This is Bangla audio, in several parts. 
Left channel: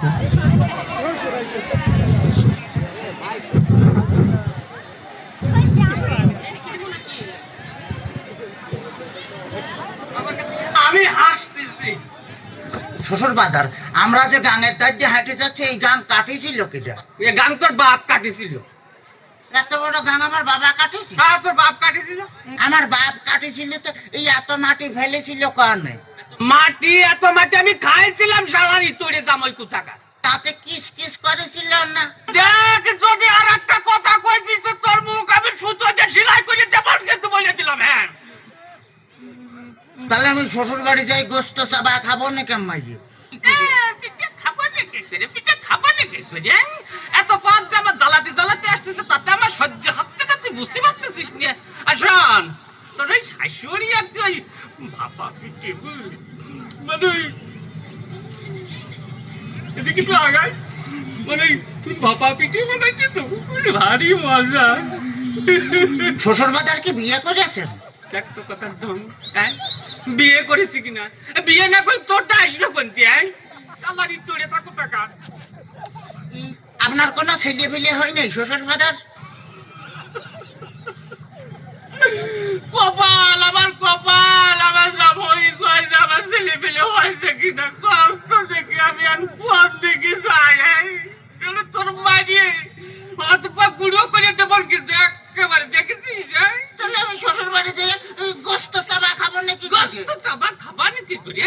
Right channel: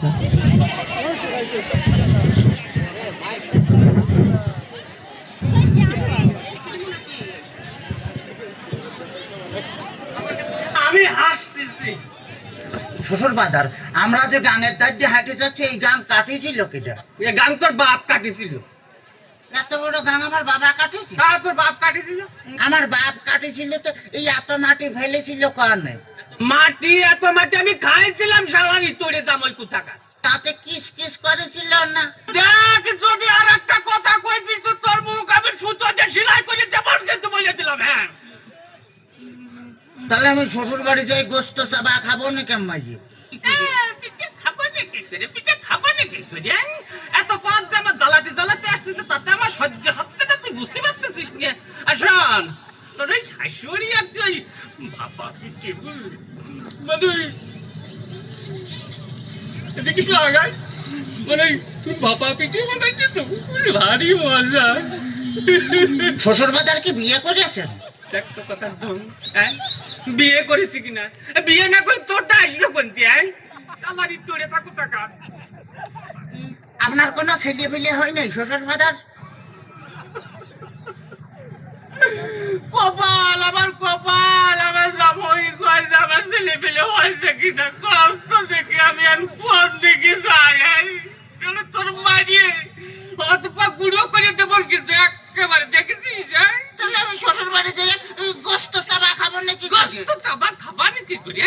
আমি হাসতেছি। শ্বশুর বাদার আমরা যে গাঙের ধার দিয়ে হাঁটে যাচ্ছি এই গাং কাটিয়েছিল কেটা? এ গান তোর বাপ কাটিছিল এত বড় গাং আমার বাবা কাটিয়েছিল? হ্যাঁ তোর বাপ কাটিছিল আমার বাপ কাটিয়েছিল তো এই এত মাটি ফেলেছিল কারণে মাটি এত মাটি আমি খাইছিলাম সালারি তোরে জামাই কোথাকার। তাতে কিস কিস করেছিল না? দেখ যদি আর একটা কথা কইছিস তো তোর মুখ আমি সুতো দিয়ে সেলাই করে দেবো কিন্তু বলে দিলাম হ্যাঁ। তাহলে আমি শ্বশুর বাড়ি যাই গোস্ত চাবা খাব না কেমন মাইজি পিঠে খাবা নাকি করে পিঠে খাবা নাকি করে তোর ওই শাশুড়ি আর ওই বাবা মানে এদিকে তো আগাই মানে ওই বাবা পিঠে বানাইছে তো ভারী মজা। শ্বশুর বাদার কি বিয়ে করেছেন? দেখ তো কথার ঢং হ্যাঁ? বিয়ে করেছি কিনা? বিয়ে না করে তোরটা আসলো কোনটি হ্যাঁ? আমারই তোরে তাকো টাকা। আপনার কোনো ছেলে পিলে হয় নাই শ্বশুর বাদার কপাল আমার কপাল আমার জামাই কয়েছে আমার ছেলে পেলে হয়েছে কিনা কষ্ট দেখে আমি আর কোন দিকে যাই তোর মারিয়ে পা গুঁড়ো করে দেবো কিন্তু একেবারে দেখেছিস হ্যাঁ? তাহলে আমি শ্বশুর বাড়ি যাই গোস্ত চাবা খাব নাকি গোস্ত চাবা খাবা নাকি করে?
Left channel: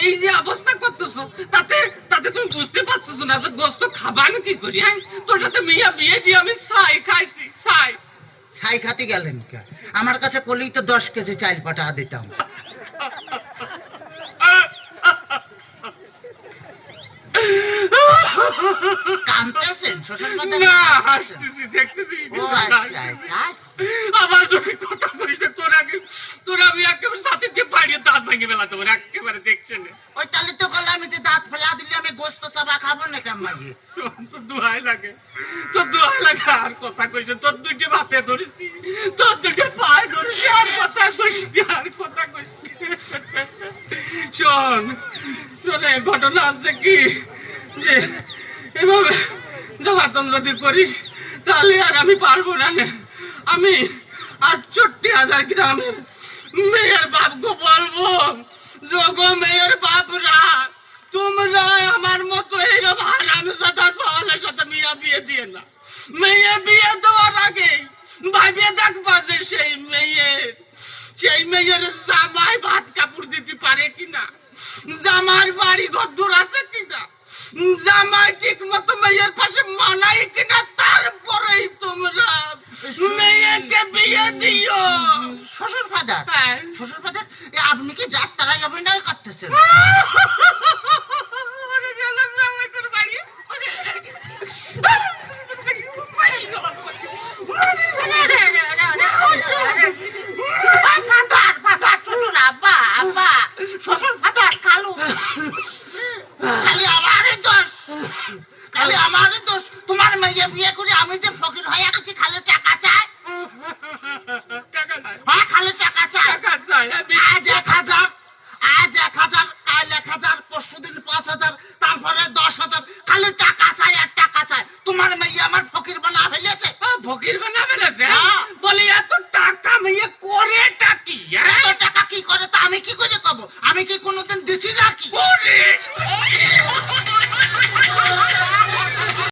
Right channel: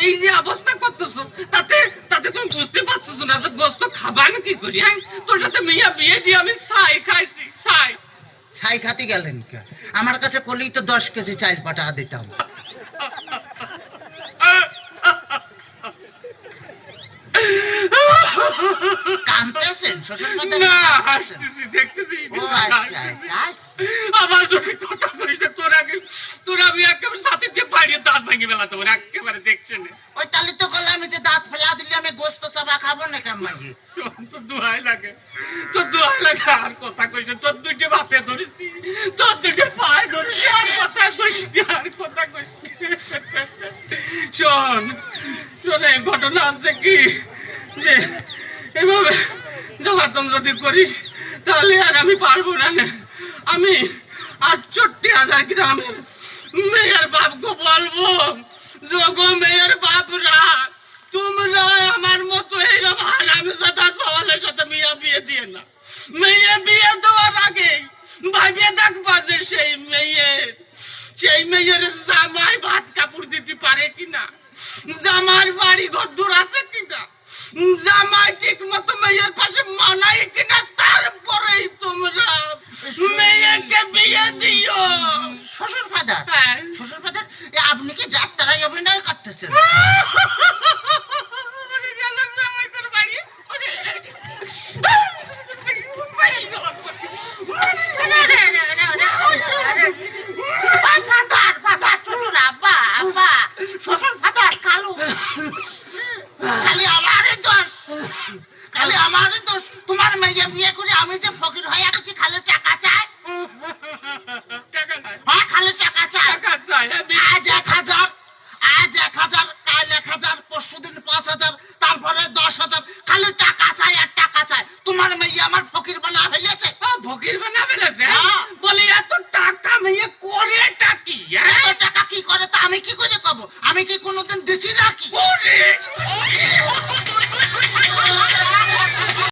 এই যে অবস্থা করতেছো তাতে তাতে তুমি বুঝতে পারছ না যে গোস্ত খাবা নাকি করে হ্যাঁ? তোর সাথে মেয়া বিয়ে দিয়ে আমি ছাই খাইছি ছাই ছাই খাতে গেলেন কে? আমার কাছে কলেই তো দশ কেজি চাল পাঠা দিতাম। কানতেছেন? শ্বশুর বাদার না হাসতেছি দেখতেছি ও আচ্ছা আমার যদি কথা কইছে তোর আগে তোর আমি একেবারে সাথে দিয়ে বাইরে দাঁত ভেঙে ফেলাতে পারি একেবারে দেখছে না ওই তাহলে তো বললাম যে দাঁত ফেলা দিলে কেমন তোর দোহাই লাগে। তোর দোহাই লাগে আর কথা কইছে তোর দুটি বাপে ধরেছি। তোর দুটি পায়ে ধরেছি। আর কথা কইছি আর কথা কইছি শোন, শোনে ঘটনা আছে কি? যে এভাবে জ্বালাতন যদি করিস, তাহলে আর আমি পারব না নে। আমি আটষট্টি হাজার গ্রামের মেয়ের বাপকে বলব যোগো মেয়ের বাপরা তোমরা আমার মতো এইরকম হারামি সাথে সওয়ালের সাথে মেয়ে বিয়ে দিয়ে না। মেয়ে বিয়ে দেওয়ার আগে ভাবিয়ে দেখবা যে সেই মেয়ের সেই মেয়ের জামাই ভাত কাপড় দিতে পারে কিনা? জামার বাড়ি ঘর আছে কিনা? জামাই ঠিক মতো মেয়ের পাশে মানাই কিনা? তারপরেই তোমরা মেয়েকে বিয়ে দিও। শ্বশুর ফাদার হ্যাঁ। শ্বশুর ফাদার আপনি কি যাত্রায় অভিনয় করতেছেন? বিয়ে করে আমি যে ফকির হয়ে আছি খালি টাকা চাই। টাকা হ্যাঁ খালি টাকা চাই। হ্যাঁ, আজ এক হাজার আজ এক হাজার কাল এক হাজার পরশু দিন পাঁচ হাজার তারপরে দশ হাজার। খালি টাকা চাই আর টাকা চাই। তোমার মেয়ে আমার ফকির বানা ফেলেছে। ফকির বানা ফেলেছে? হ্যাঁ। বলি এত টাকা মেয়ে করে টাকি হ্যাঁ? এত টাকা কি করে তা আমি কি করে কব আমি কি কোনোদিন দিছি নাকি